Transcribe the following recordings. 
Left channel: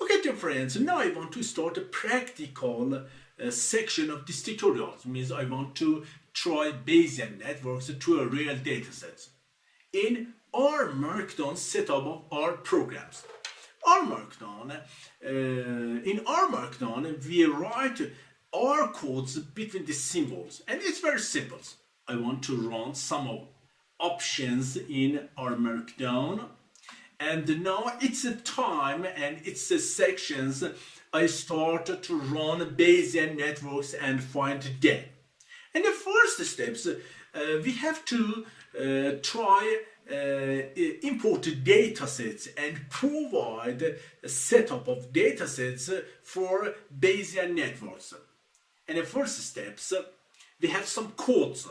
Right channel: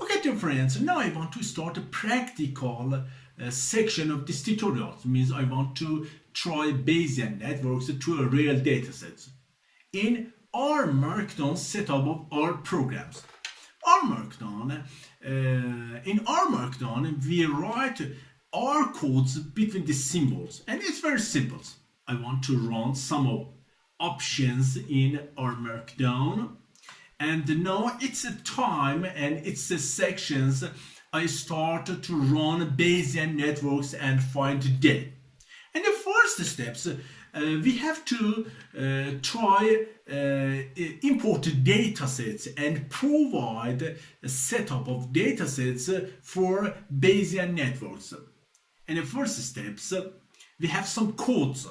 Okay, dear friends, now I want to start a practical section of this tutorial. It means I want to try Bayesian networks to a real dataset in our Markdown setup of our programs. In our Markdown, we write our codes between the symbols, and it's very simple. I want to run some options in our Markdown. And now it's a time and it's a sections I start to run Bayesian networks and find them. And the first steps, we have to try import datasets and provide a setup of datasets for Bayesian networks. And the first steps, we have some codes.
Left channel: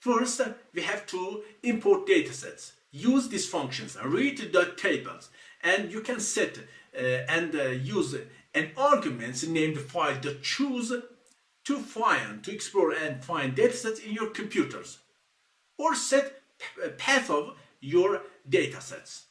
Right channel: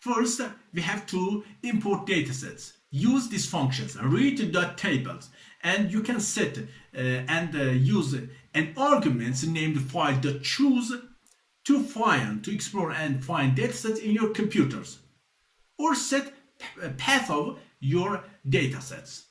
First, we have to import datasets. Use these functions, read.tables, and you can set and use an argument named file.choose to explore and find datasets in your computers, or set a path of your datasets.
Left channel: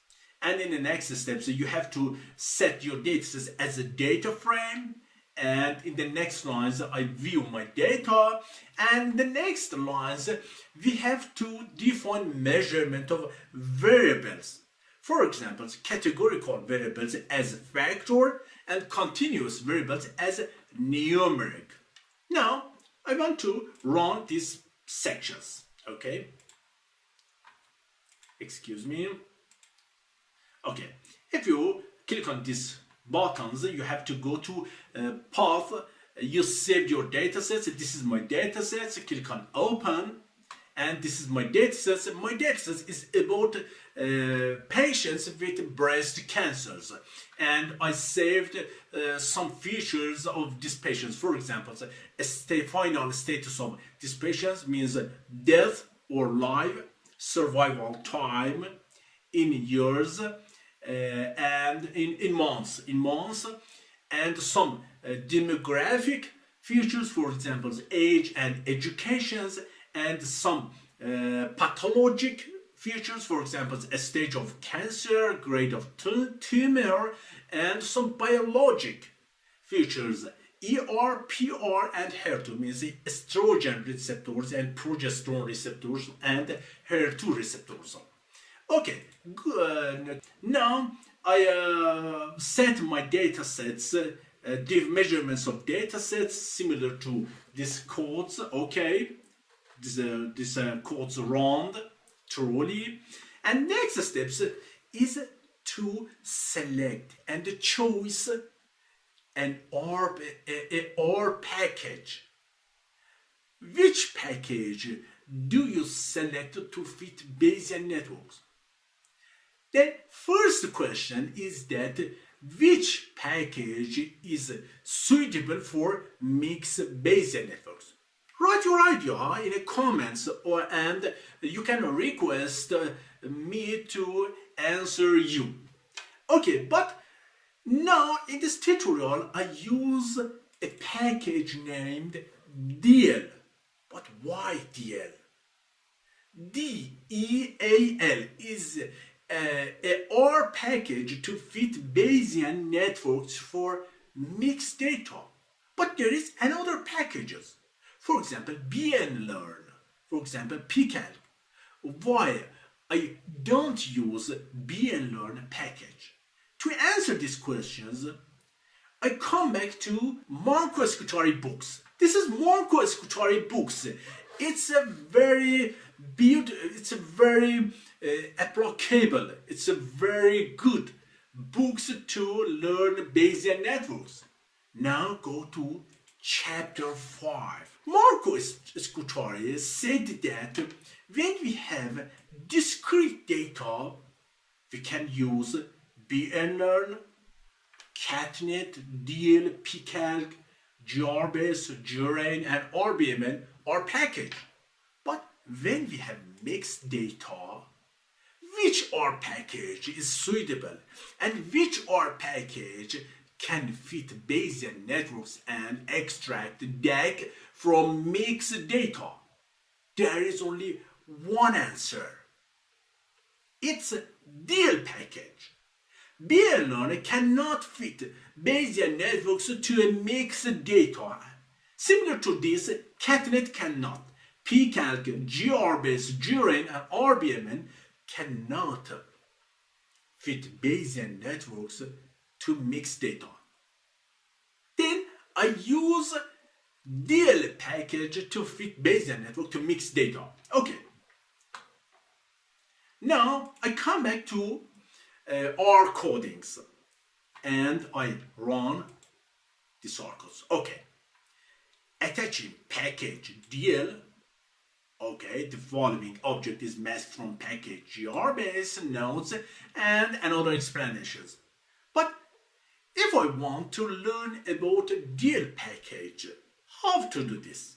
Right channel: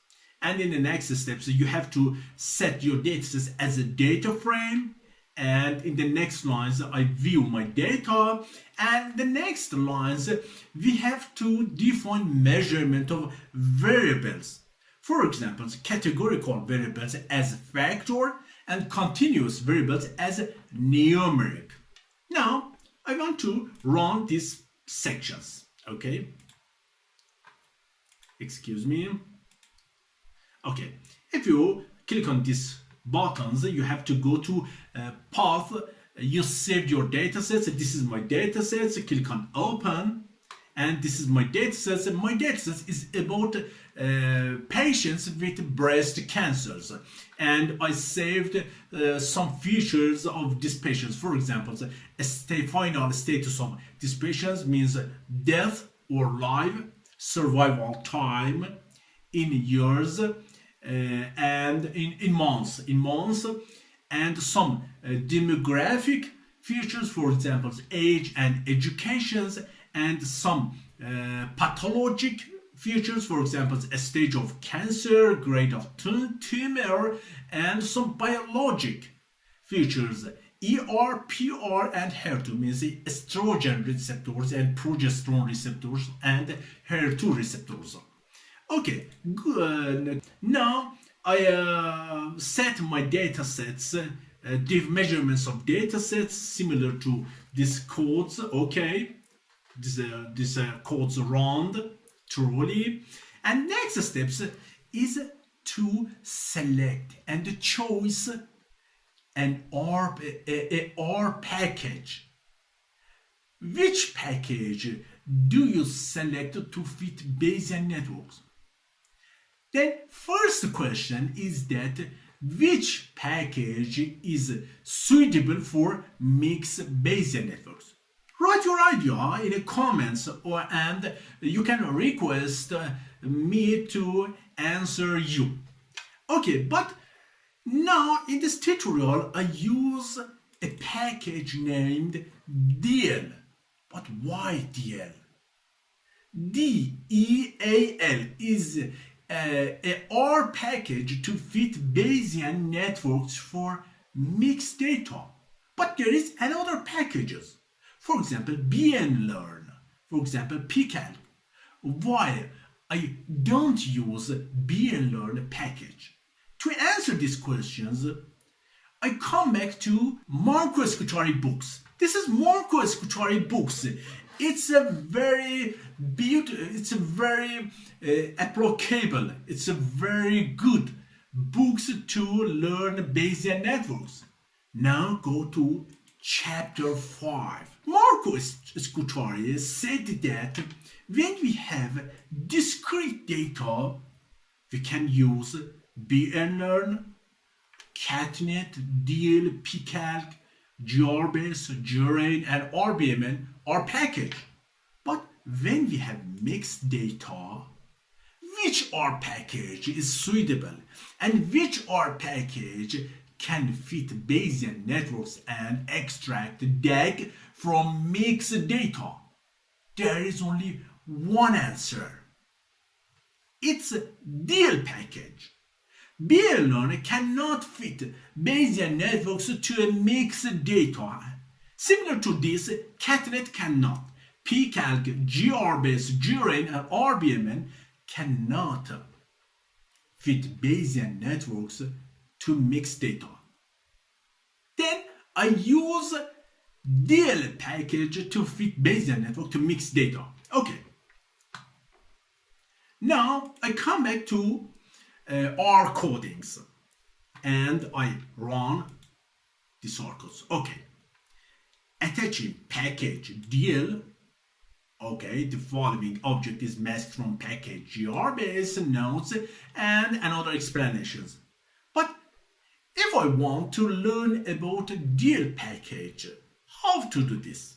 And in the next steps, you have to set your datasets as a data frame. And in the next lines, I view my data. And the next lines, we have to define measurement of variables. For example, categorical variables as factor and continuous variables as numeric. Now, I want to run these sections, okay? Excuse me. Okay, if you click on these buttons, you have to go to path. You saved your datasets. This is my datasets. Click on open, and this is my datasets. My datasets is about patients with breast cancers, and I saved some features of these patients. For example, final status of these patients means death or life, survival time in years, and in months, and some demographic features, for example, age and educations, and some pathologic features, for example, a stage of cancer, grade of tumor, and some biologic features, ER, PR, and HER2, means estrogen receptors and progesterone receptors and HER2 receptors. Okay, good. Now I set my datasets, the measurements of datasets similar to these codes. Okay, this codes run truly. And next steps is to select and choose an R package. Which package do you select to fit Bayesian networks? The first question is that which package is suitable for mixed Bayesian networks? Write your idea in the comments, and you can request me to answer you. Okay, but now in this tutorial I use a package named DL. But why DL? DEAL is a R package to fit Bayesian networks for mixed data. But there is another packages. For example, BNLearn. For example, PCalc. Why I don't use BNLearn package? To answer these questions, I come back to Marco Escutari books. This is Marco Escutari books. It's a very beautiful, it's a very applicable, it's a very good books to learn Bayesian networks. Now go to chapter 5. Marco Escutari said that when we have discrete data, we can use BNLearn, CatNet, DL, PCalc, GRBase, GRAIN, and RBMN are packaged. But when we have mixed data, which R package is suitable and which R package can fit Bayesian networks and extract DAG from mixed data? There is only one answer. It's a DL package. BL learner cannot fit Bayesian networks to a mixed data. Similar to this, CatNet cannot. pCalc, GRBase, GRAIN, and RBMN cannot fit Bayesian networks to mixed data. Then I use DL package to fit Bayesian network to mixed data. Okay. Now I come back to R codings and I run the circles. Okay. Attaching package DL. Okay, the following object is masked from package GRBase, nodes, and another explanations. But if I want to learn about a DL package, how to do this?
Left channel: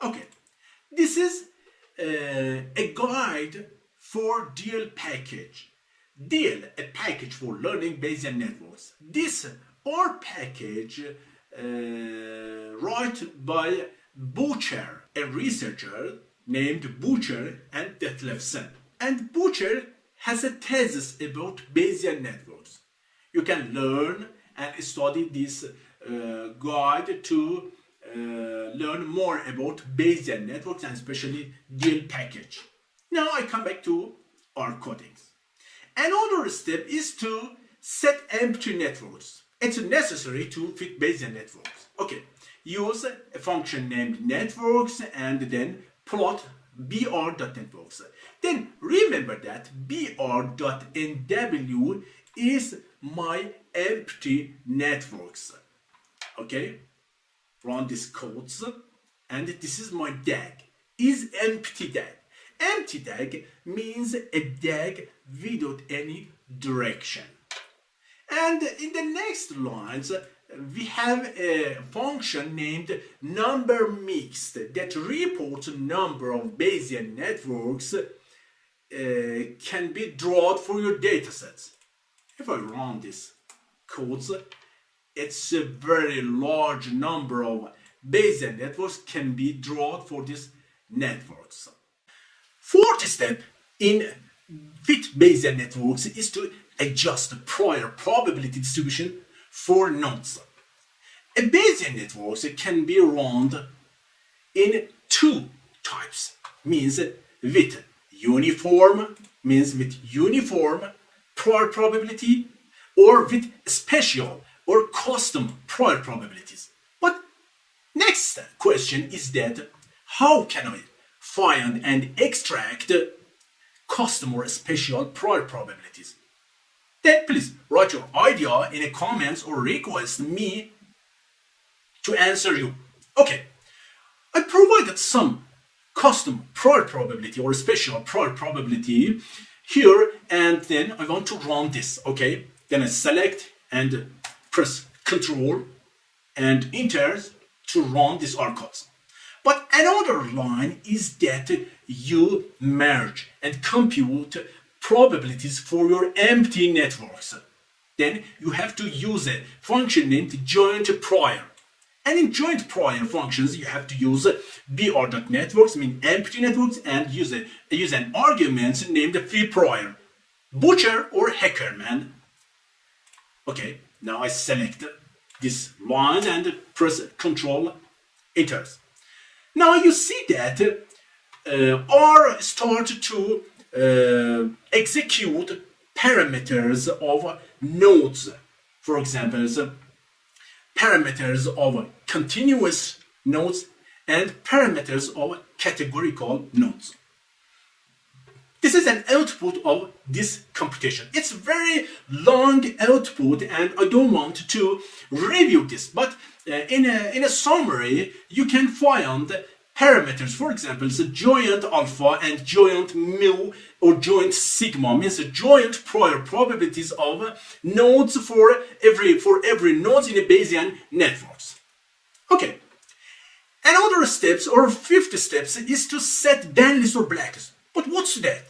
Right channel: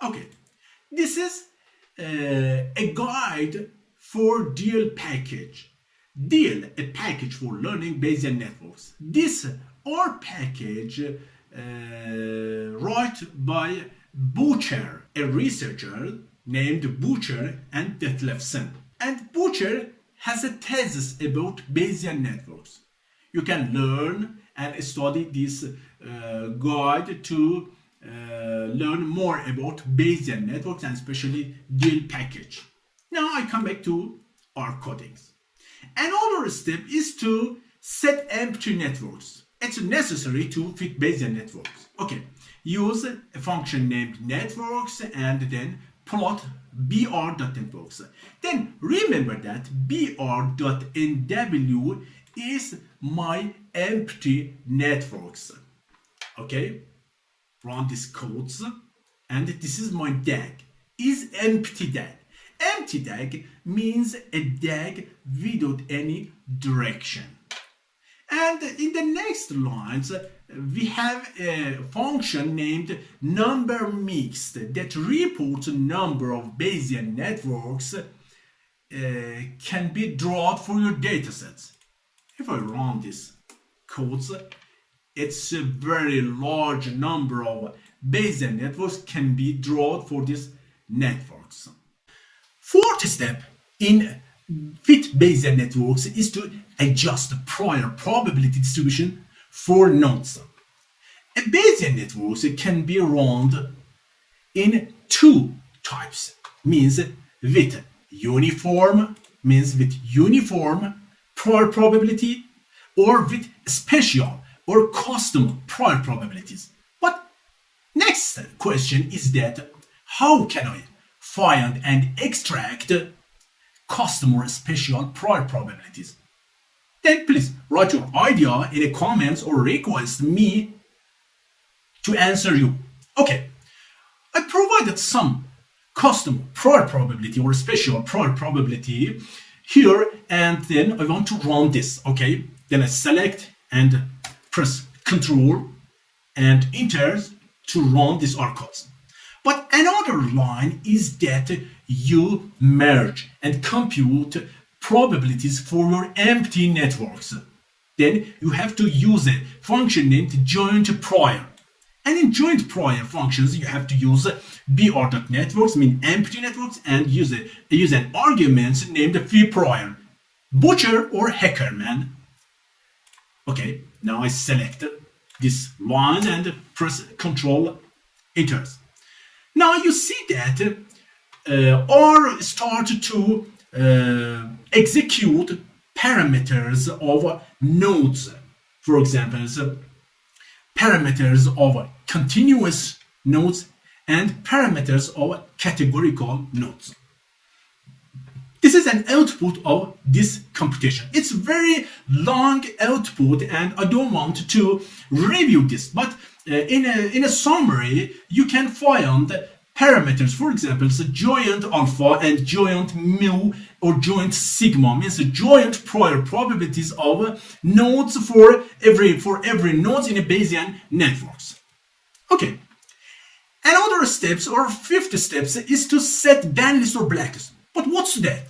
Okay, this is a guide for DL package. DL, a package for learning Bayesian networks. This R package written by Butcher, a researcher named Butcher and Detlefsen. And Butcher has a thesis about Bayesian networks. You can learn and study this guide to learn more about Bayesian networks and especially DL package. Now I come back to R codings. Another step is to set empty networks. It's necessary to fit Bayesian networks. Okay. Use a function named networks and then plot br.networks. Then remember that br.nw is my empty networks. Okay, run these codes and this is my DAG. Is empty DAG. Empty DAG means a DAG without any direction. And in the next lines, we have a function named number mixed that reports a number of Bayesian networks can be drawn for your datasets. If I run these codes, it's a very large number of Bayesian networks can be drawn for these networks. Fourth step in fit Bayesian networks is to adjust the prior probability distribution for nodes. A Bayesian network can be run in two types, means with uniform prior probability, or with special or custom prior probabilities. But next question is that how can I find and extract custom or special prior probabilities? Then please write your idea in the comments or request me to answer you. Okay, I provided some custom prior probability or special prior probability here, and then I want to run this. Okay, then I select and press Ctrl and Enter to run this R codes. But another line is that you merge and compute probabilities for your empty networks. Then you have to use a function named joint prior. And in joint prior functions, you have to use br.networks, mean empty networks, and use an argument named free prior, Butcher or Hackerman. Okay, now I select this line and press Ctrl Enter. Now you see that R started to execute parameters of nodes. For example, parameters of continuous nodes and parameters of categorical nodes. This is an output of this computation. It's very long output and I don't want to review this, but in a summary, you can find parameters, for example, so joint alpha and joint mu or joint sigma means joint prior probabilities of nodes for every node in a Bayesian networks. Okay. Another steps or fifth steps is to set bandlist or blacklist. But what's that?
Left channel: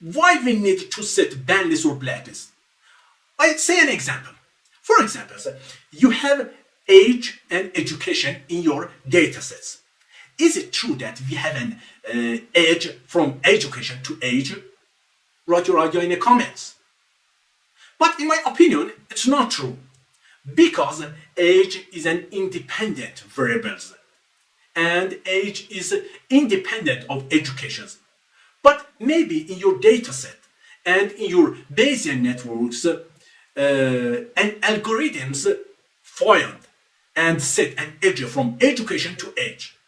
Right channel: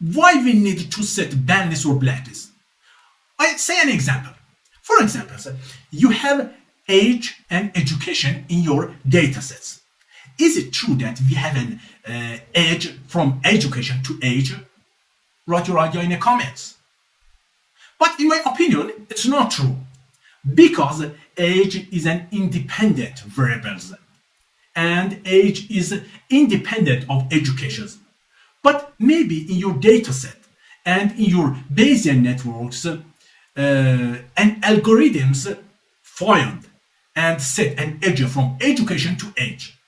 Why we need to set bandlist or blacklist? I say an example. For example, you have age and education in your datasets. Is it true that we have an age from education to age? Write your idea in the comments. But in my opinion, it's not true, because age is an independent variable, and age is independent of education. But maybe in your dataset and in your Bayesian networks and algorithms find and set an age from education to age.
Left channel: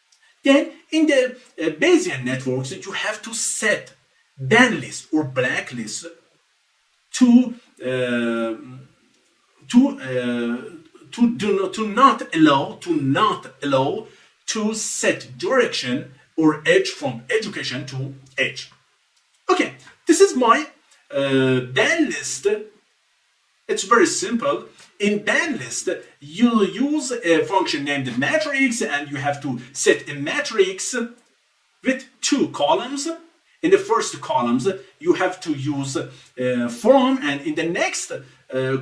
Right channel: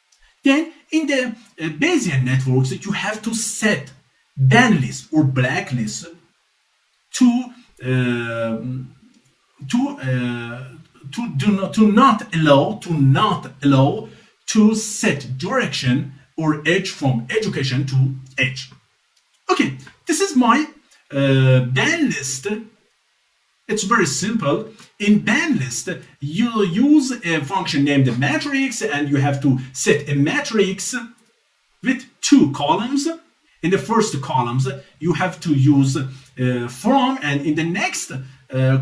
Then in the Bayesian networks, you have to set banlist or blacklist to not allow to set direction or age from education to age. Okay, this is my banlist. It's very simple. In banlist, you use a function named matrix, and you have to set a matrix with two columns. In the first columns, you have to use from, and in the next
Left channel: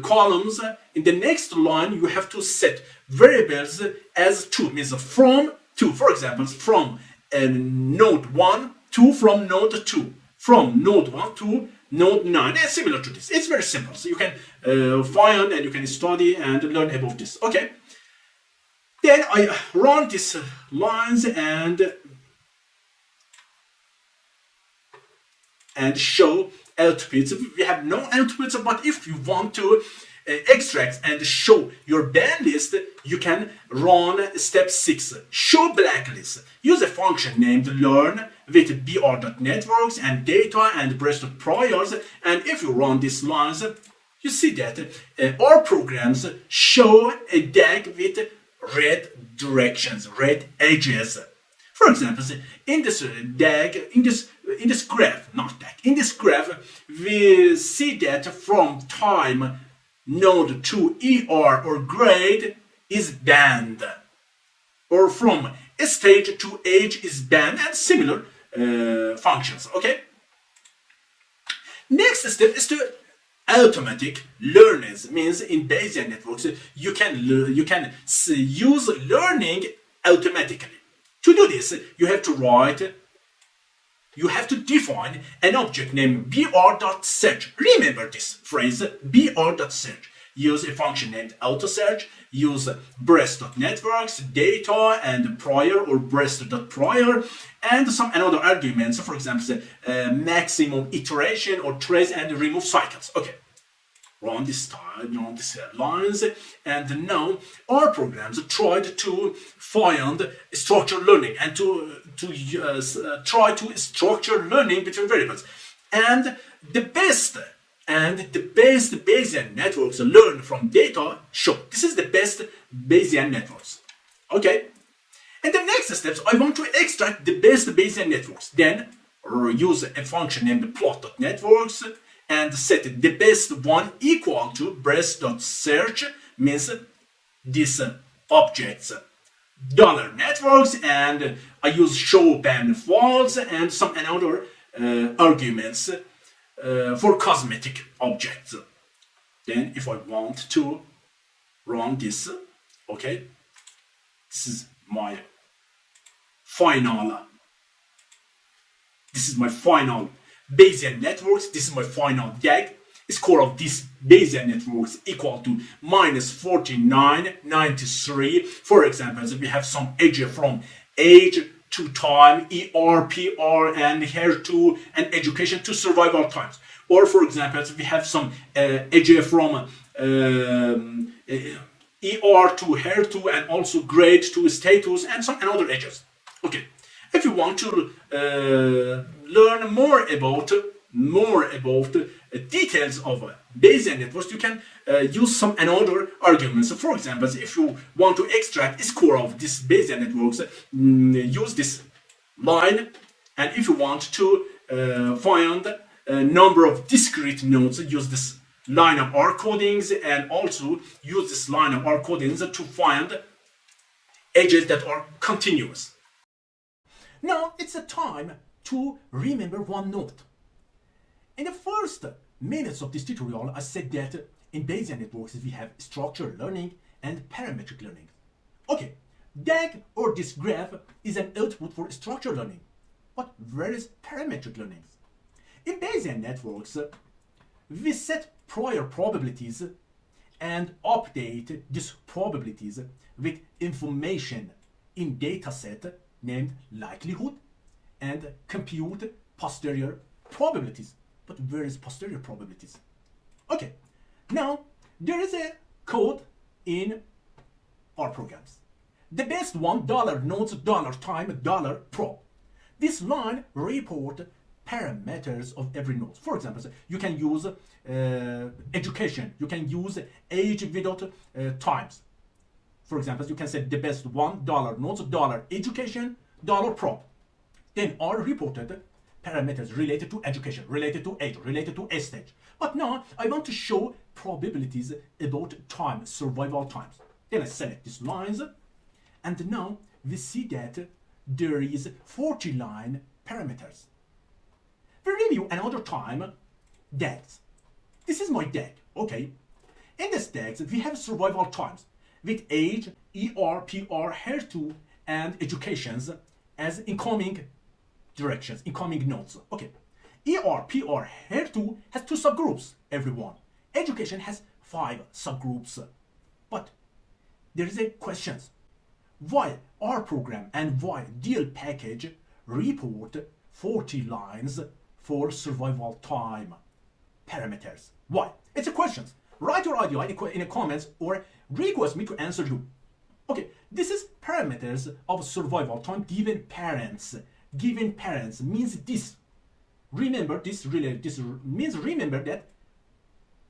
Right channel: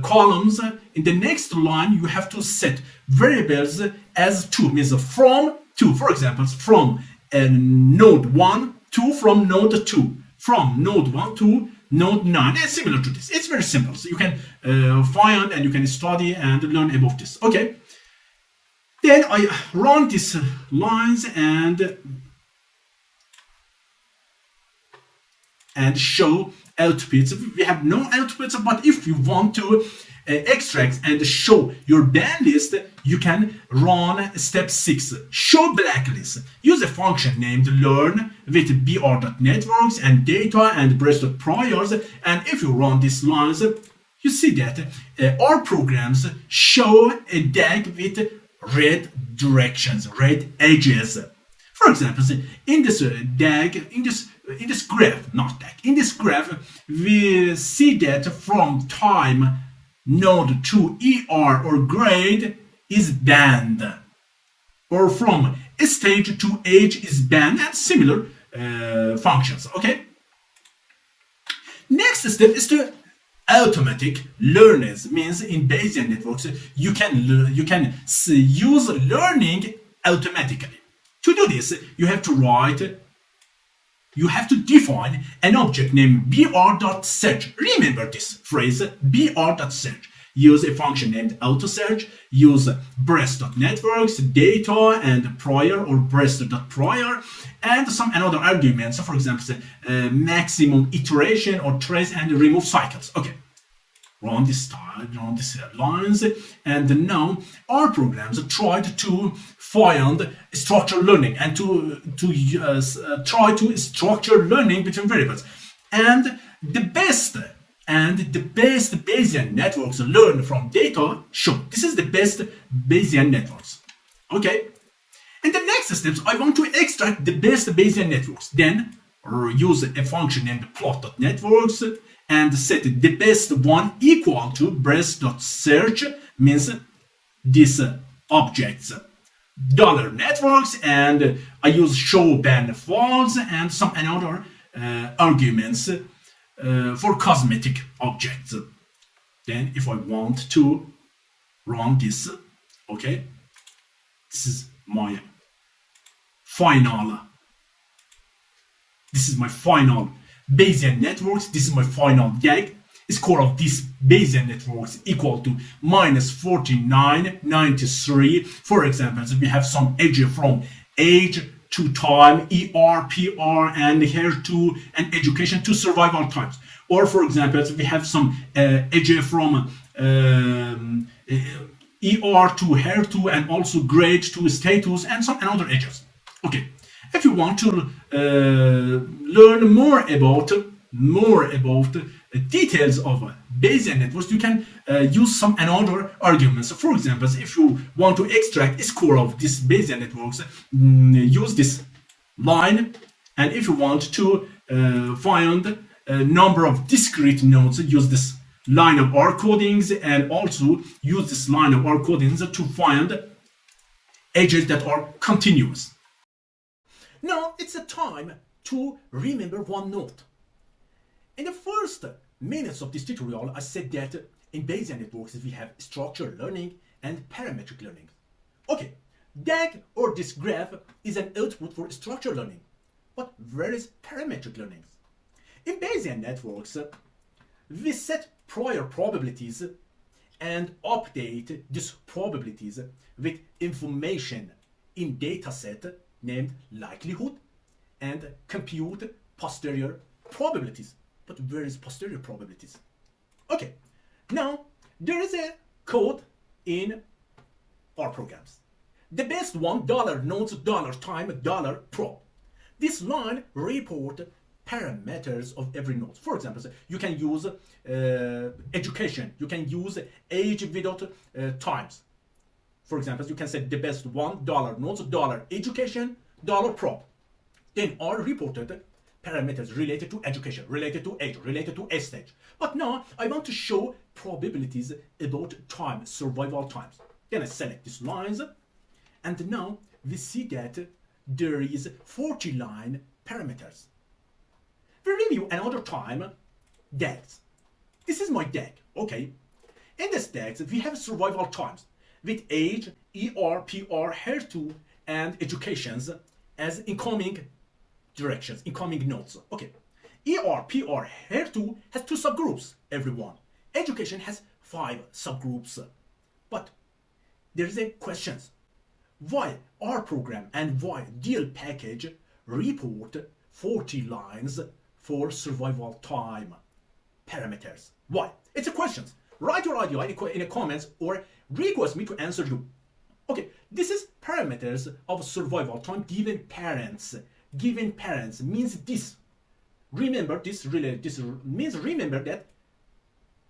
columns, in the next line, you have to set variables as two, means from to, for example, from node 1 to from node 2, from node 1 to node 9, and similar to this. It's very simple. So you can find and you can study and learn about this. Okay. Then I run these lines and show outputs. We have no outputs, but if you want to extract and show your banlist, you can run step 6, show blacklist. Use a function named learn with br.networks and data and breast.priors, and if you run these lines, you see that our programs show a DAG with red directions, red edges. For example, in this DAG, in this graph, not DAG, in this graph, we see that from time node to ER or grade is band, or from stage to age is band, and similar functions. Okay. Next step is to automatic learners. Means in Bayesian networks you can use learning automatically. To do this, you have to define an object named br.search. Remember this phrase, br.search. Use a function named autosearch. Use breast.networks, data, and prior or breast.prior, and some another arguments. For example, maximum iteration or trace and remove cycles. Okay. Run this lines, and now our programs tried to find structured learning and to try to structure learning between variables. And the best Bayesian networks learn from data show. This is the best Bayesian networks. Okay. And the next steps, I want to extract the best Bayesian networks. Then use a function named plot.networks and set the best one equal to breast.search, means these objects, $networks, and I use show band false and some another arguments for cosmetic objects. Then if I want to run this, okay, this is my final Bayesian networks. This is my final DAG. Score of these Bayesian networks equal to -4993. For example, we have some age from age to time, ER, PR, and here to and education to survival times. Or for example, we have some age from ER to here to and also grade to status and some another edges. Okay. If you want to learn more about details of Bayesian networks, you can use some another arguments. For example, if you want to extract a score of this Bayesian networks, use this line. And if you want to find a number of discrete nodes, use this line of R codings, and also use this line of R codings to find edges that are continuous. Now it's a time to remember one note. In the first minutes of this tutorial, I said that in Bayesian networks we have structured learning and parametric learning. Okay, DAG or this graph is an output for structured learning. But where is parametric learning? In Bayesian networks, we set prior probabilities and update these probabilities with information in dataset named likelihood and compute posterior probabilities. But where is posterior probabilities? Okay, now there is a code in our programs. The best $1 nodes $time $prob. This line report parameters of every node. For example, you can use education. You can use age without times. For example, you can say the best $1 nodes education $prob. Then are reported parameters related to education, related to age, related to stage. But now I want to show probabilities about time, survival times. Then I select these lines, and now we see that there is 49 parameters. We review another time DAGs. This is my DAG, okay? In this DAGs, we have survival times with age, ER, PR, HER2, and educations as incoming directions, incoming nodes. Okay, ER, PR, HER2 has 2 subgroups, everyone. Education has 5 subgroups. But there is a question. Why our program and why DL package report 40 lines for survival time parameters? Why? It's a question. Write your idea in the comments or request me to answer you. Okay, this is parameters of survival time given parents. Given parents means this. Remember this means remember that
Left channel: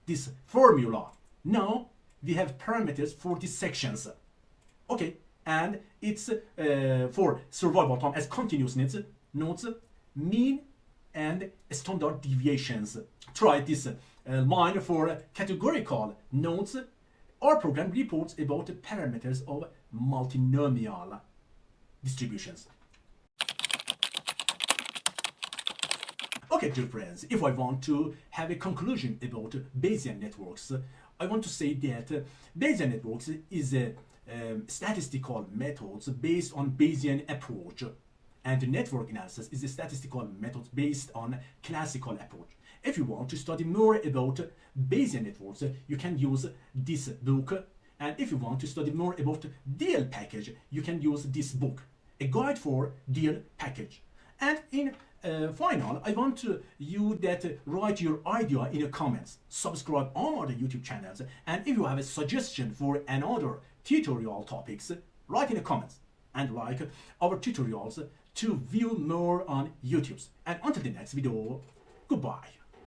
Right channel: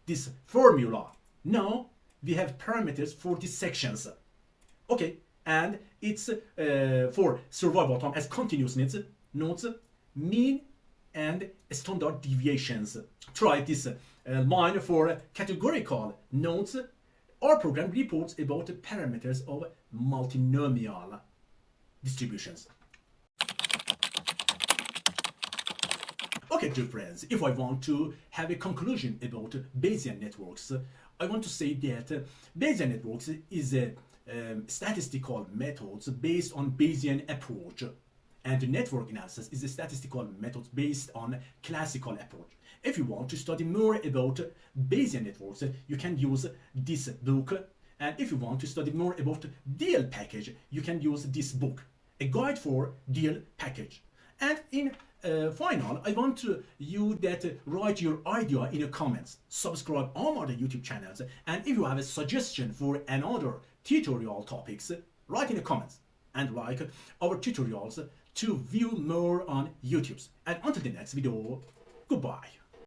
this formula. Now we have parameters for these sections. Okay, and it's for survival time as continuous nodes, mean and standard deviations. Try this line for categorical nodes. Our program reports about the parameters of multinomial distributions. Okay, dear friends, if I want to have a conclusion about Bayesian networks, I want to say that Bayesian networks is a statistical methods based on Bayesian approach, and network analysis is a statistical method based on classical approach. If you want to study more about Bayesian networks, you can use this book, and if you want to study more about DL package, you can use this book, A Guide for DL Package. And in final, I want you that write your idea in the comments, subscribe on other YouTube channels, and if you have a suggestion for another tutorial topics, write in the comments and like our tutorials to view more on YouTube. And until the next video, goodbye.